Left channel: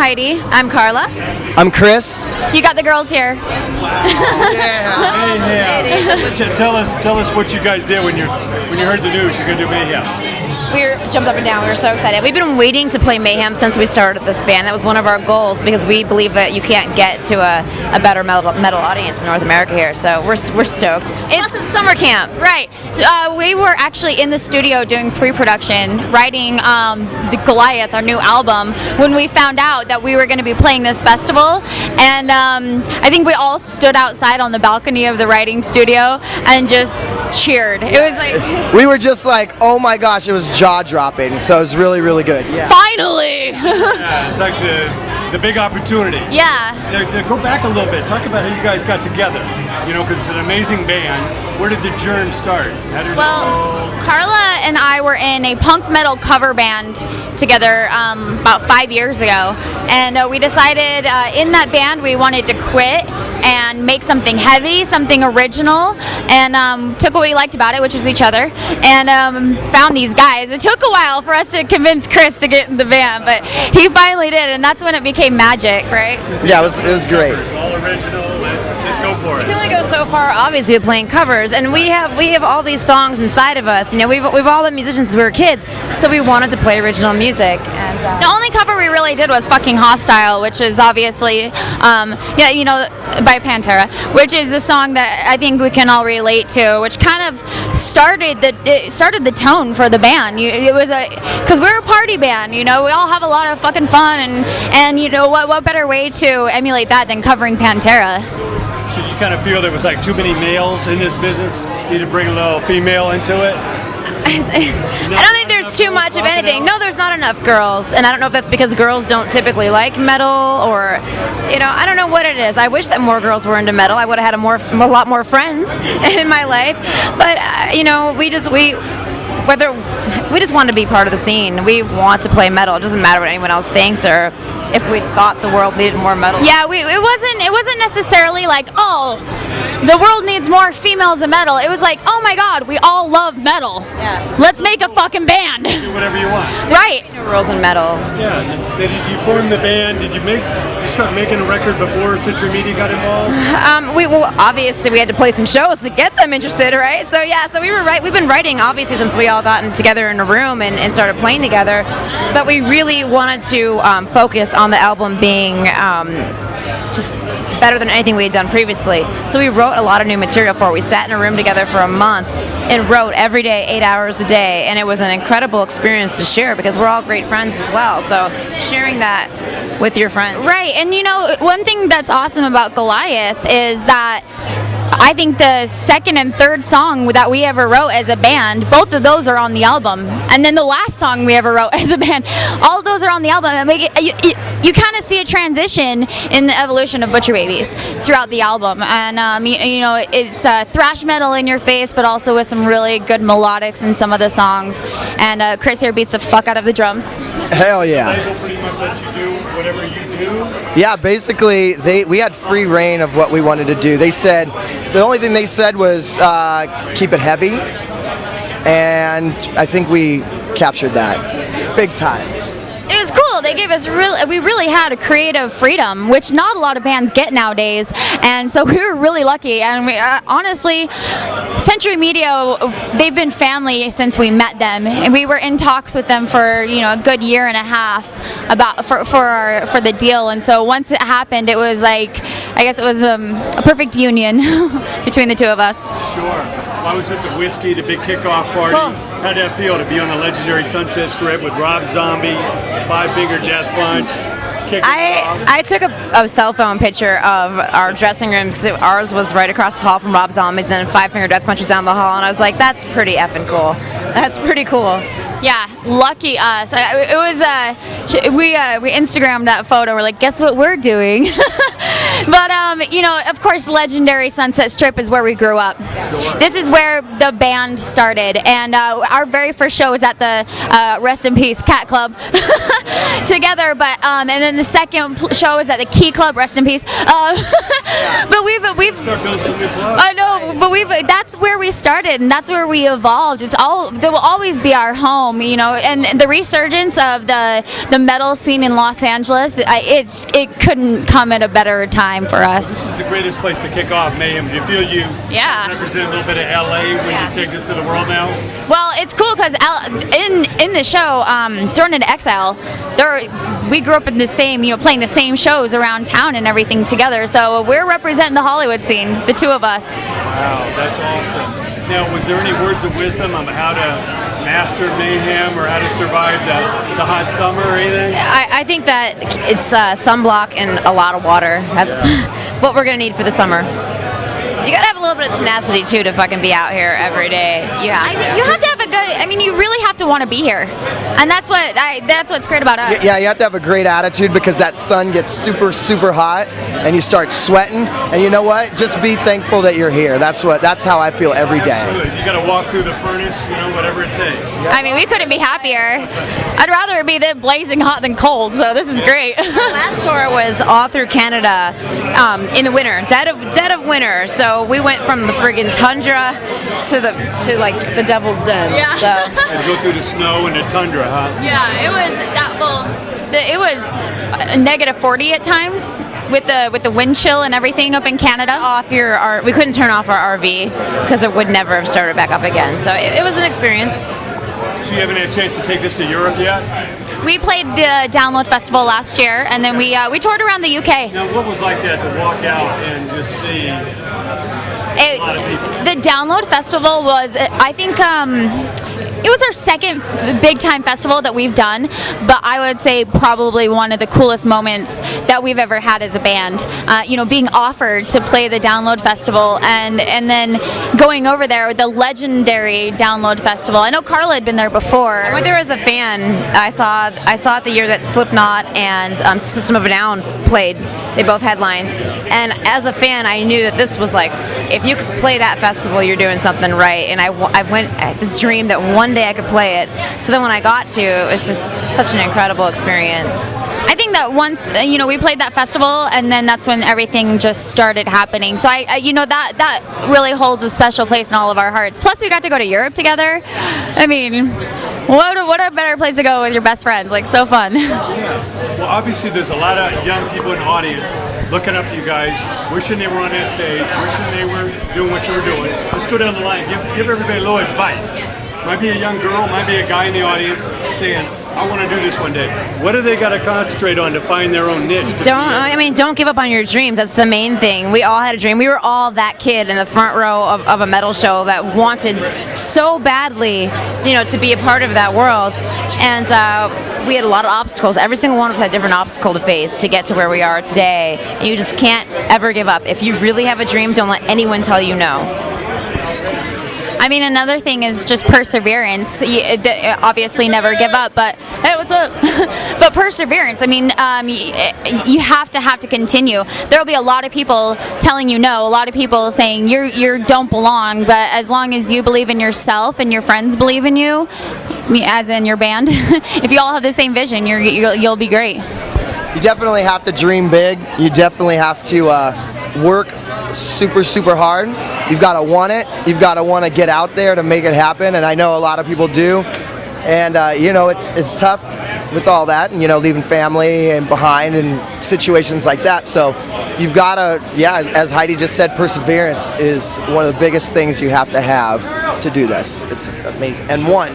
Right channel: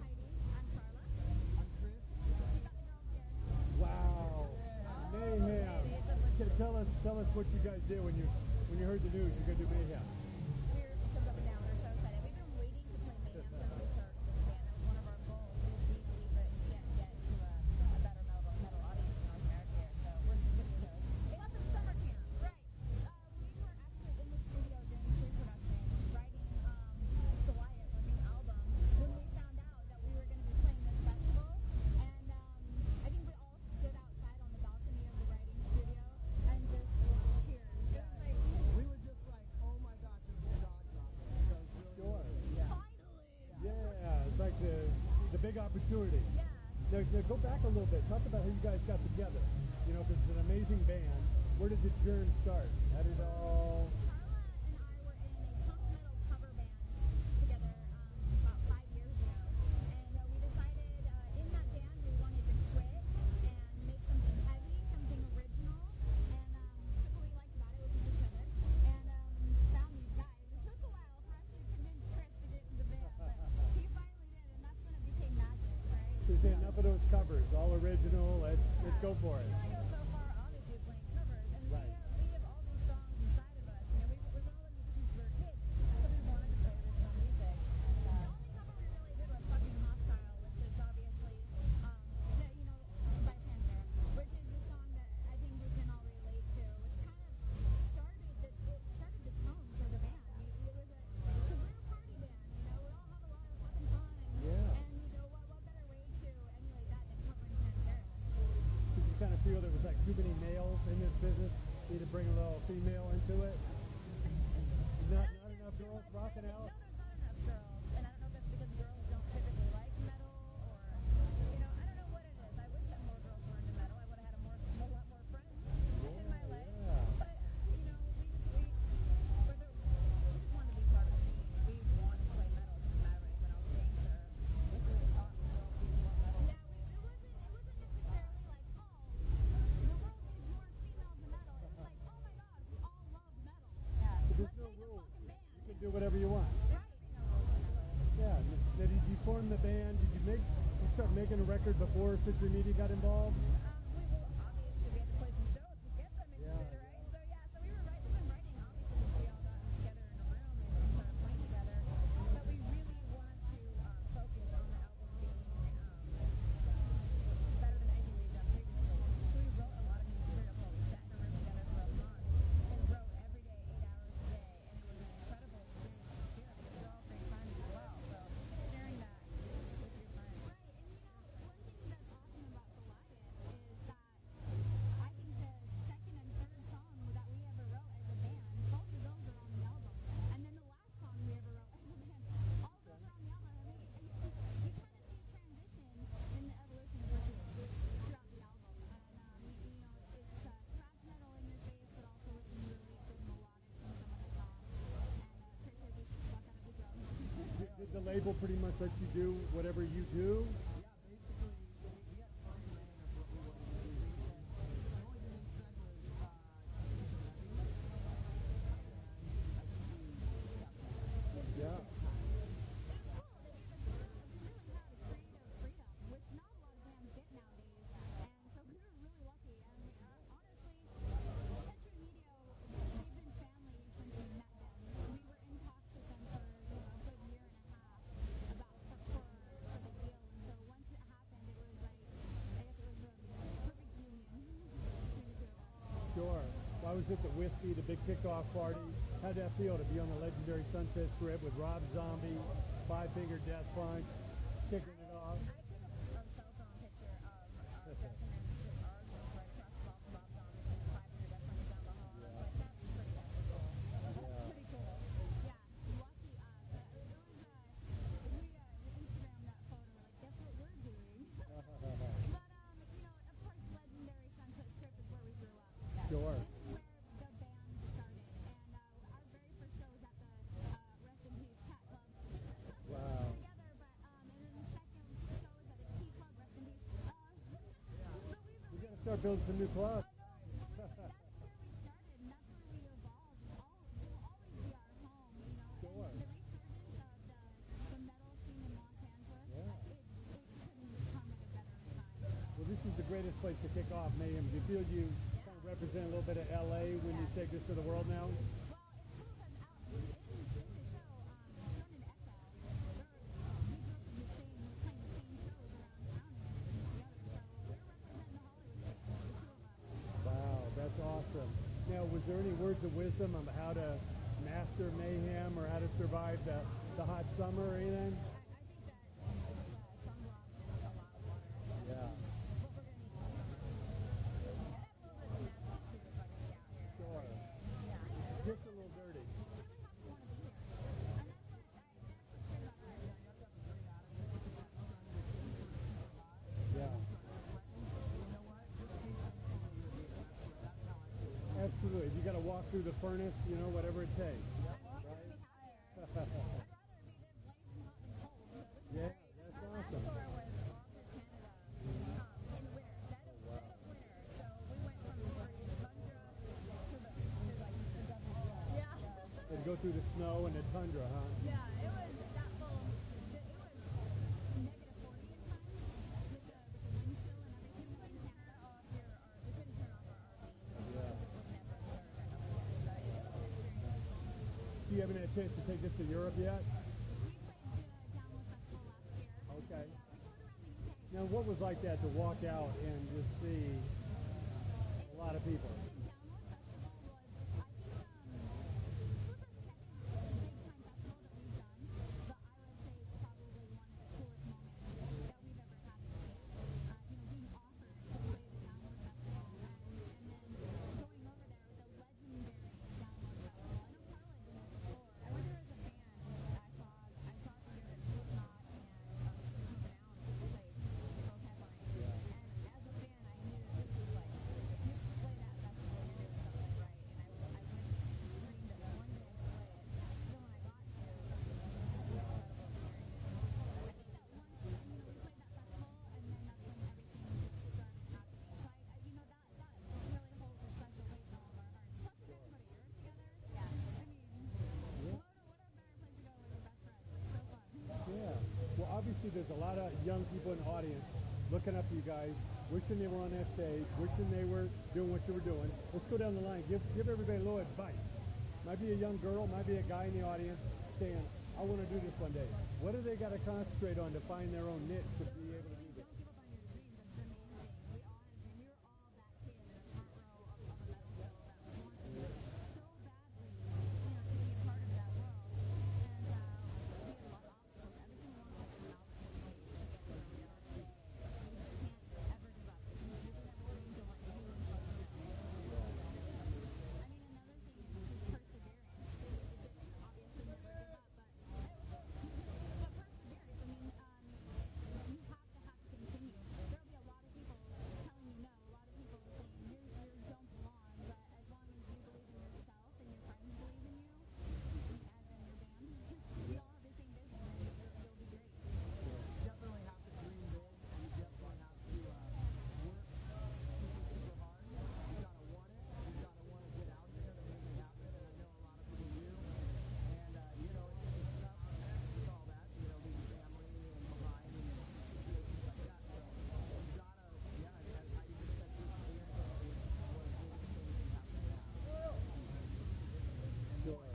Heidi. I'm Carla. I'm Chris. You got the girls here. Hey, tell us what you guys did when you heard the news you're gonna do Mayhem. We jumped up and down. We were so excited. We've been waiting to play Mayhem since we started this band. That was one of our goals because we believe that you can't get to a better metal audience in North America here. So we're stoked. It's summer camp. Right. We were actually in the studio doing pre-production, writing the Goliath, our new album, when we found out that we were going to be playing this festival. And I think we all stood outside on the balcony of the writing studio and just cheered. It was like... We were just like, oh my gosh, it was jaw-dropping. So it was really, really good. Yeah. Finally! Yeah, it's like the big opportunity. Yeah. Go back a little bit. Talk about how you guys got together. You know, because it's an amazing band. Where did the germ start? Well, Carla and I were in a punk metal cover band together about 5 years ago, and we decided in that band we wanted to quit and make something heavy, something original, and took what we liked about it, which was each other, and found these guys. It took a while for us to convince Chris to get in the band, but he finally did, and that's when it became magic, right? Yeah, it was great. It's all original. Let's go for it. We can only go so far, obviously, with playing covers, and we have all these songs inside of us. You know, we've all been musicians since we were kids, so we wanted to play original music. And the only cover we really did was "Fucking Hostile," which is obviously, by Pantera, which is a song that I think we can all relate to, which kind of started the tone for the band. It was because we're a party band, you know, we all have a lot of fucking fun, and you know what better way to emulate that than covering Pantera. So you kind of feel there was like too many males in this business? You need to bring a little female into it? I don't think there's too much of anything. No, there's not enough girls, and I don't know if that's because girls don't typically like metal, or, you know, I don't know what it is. I wish that more girls were into metal. I would have had a lot more friends in my life, but you know, we just want to be part of the scene. We want to play metal. It doesn't matter what anyone else thinks or if we thought the world needed more metal. Yeah, it wasn't necessarily like, oh, the world needs more females in metal. It was like, oh my god, we all love metal. Yeah. Let's make a fucking band. Do whatever you want. Right. No rules in metal. Yeah. Did you form the band? Did you start making a record before Century Media got involved? Obviously we had to play some shows to get them interested, right? So yeah, we've been writing obviously since we all gotten together in a room and started playing together, but we really wanted to focus on the album being just better than anything we had done previously. So we wrote a lot of new material for it. We sat in a room together for a month and wrote every day, 8 hours a day, and it was an incredible experience to share because we're all great friends as well. So sharing that with your friends. Right, and you know, one thing that's awesome about Goliath is that I think the second and third song that we ever wrote as a band, both of those are on the album. And then the last song we ever wrote as a band, all of those are on the album. And you kind of see a transition in the evolution of Butcher Babies throughout the album. And, you know, it's thrash metal in your face, but also with some really good melodics in some of the songs. And Chris here beats the fuck out of the drums. Hell yeah. The label pretty much lets you do whatever you do? Yeah, basically, we had free reign of what we wanted to do. They said, the only thing they said was keep it heavy, and I think we captured that big time. It was cool. They gave us we really had a creative freedom, which not a lot of bands get nowadays, and so we were really lucky. And we, honestly, Century Media, they've been family since we met them, and we were in talks with them for a good year and a half for the deal. And so once it happened, it was like, I guess it was a perfect union between the two of us. Sure. I was at the Whiskey, the big kickoff party. Cool. How'd that feel to be on the legendary Sunset Strip with Rob Zombie, Five Finger Death Punch? I took a cell phone picture of our dressing room because ours was right across the hall from Rob Zombie's, and then Five Finger Death Punch was down the hall, and I was like, that's pretty effing cool. That's pretty cool. Yeah, lucky us. It was we Instagrammed that photo. We're like, guess what we're doing? But You know, of course, legendary Sunset Strip is where we grew up. This is where the band started, and our very first show was at the rest in peace Cat Club together. But and then the second show was at the Key Club, rest in peace. But we've Start building some new clubs. I know, but that's where we started, and that's where we evolved. There will always be our home, you know. And the resurgence of the metal scene in Los Angeles, it couldn't come at a better time for us. This is the greatest place to kick off Mayhem. Do you feel you represent a little bit of LA when you take this to the world now? Well, it's cool because in the show, Thrown into Exile, we grew up in the same, you know, playing the same shows around town and everything together. So we're representing the Hollywood scene, the two of us. Wow, that's awesome. Now, was there any words of wisdom on how to master Mayhem or how to survive the hot summer or anything? I think that it's sunblock and a lot of water. That's what we're gonna need for the summer. You gotta have a little bit of tenacity too to fucking be out here every day. You have to have a good. I mean, you really have to want to be here, and that's what's great about us. Yeah, you have to have a great attitude because that sun gets super, super hot, and you start sweating. And you know what? Just be thankful that you're here. That's how I feel every day. Absolutely. You gotta walk through the furnace, you know, whatever it takes. I mean, we couldn't be happier. I'd rather it be blazing hot than cold. So this is great. Our last tour was all through Canada in the winter, dead of winter. So we went from the friggin' tundra to like the Devil's Den. Yeah. So. And go through the snow and the tundra, huh? Yeah, it was that. Well, it was negative 40 at times with the wind chill and everything up in Canada. We couldn't turn off our RV because it would never have started back up again. So it was an experience. So you haven't had a chance to take this to Europe yet? We played the Download Festival last year, and then we toured around the UK. Now, what was like that to walk out and just see a lot of people? The Download Festival was, I think, it was our second big time festival that we've done, but I would say probably one of the coolest moments that we've ever had as a band. You know, being offered to play the Download Festival and then going over there with the legendary Download Festival. I know Carla had been there before. I went there as a fan. I saw it the year that Slipknot and System of a Down played. They both headlined, and as a fan, I knew that this was like, if you could play that festival, you're doing something right. And I went at this dream that one day I could play it. So then when I got to, it was just such an incredible experience. I think that once, you know, we played that festival, and then that's when everything just started happening. So you know, that really holds a special place in all of our hearts. Plus, we got to go to Europe together. I mean, what a better place to go with your best friends? Like, so fun. Well, obviously, there's a lot of young people in the audience looking up to you guys, wishing they were on that stage, wishing they were doing what you were doing. Let's go down the line. Give everybody a little advice. Might be a young girl, might be a guy in the audience saying, I want to do this one day. What do they got to concentrate on to find their own niche? Don't give up on your dreams. That's the main thing. We all had a dream. We were all that kid in the front row of a metal show that wanted so badly, you know, to be a part of that world. And we had a lot of obstacles. Every single one of us had a different obstacle to face to get to where we are today. And you just can't ever give up. If you really have a dream, don't let anyone tell you no. I mean, another thing is just perseverance. Obviously, never give up, but hey, what's up? But perseverance. I mean, you have to continue. There will be a lot of people telling you no, a lot of people saying you don't belong. But as long as you believe in yourself and your friends believe in you, as in your band, if you all have the same vision, you'll be great. You definitely have to dream big. You definitely have to work super, super hard. You've got to want it. You've got to want to get out there to make it happen, and I know a lot of people do. And you know, it's tough with all that, and you know, leaving family and behind and situations like that. So you've got to, as Heidi just said, perseverance is one of the biggest things you have to do this. It's amazing. And one.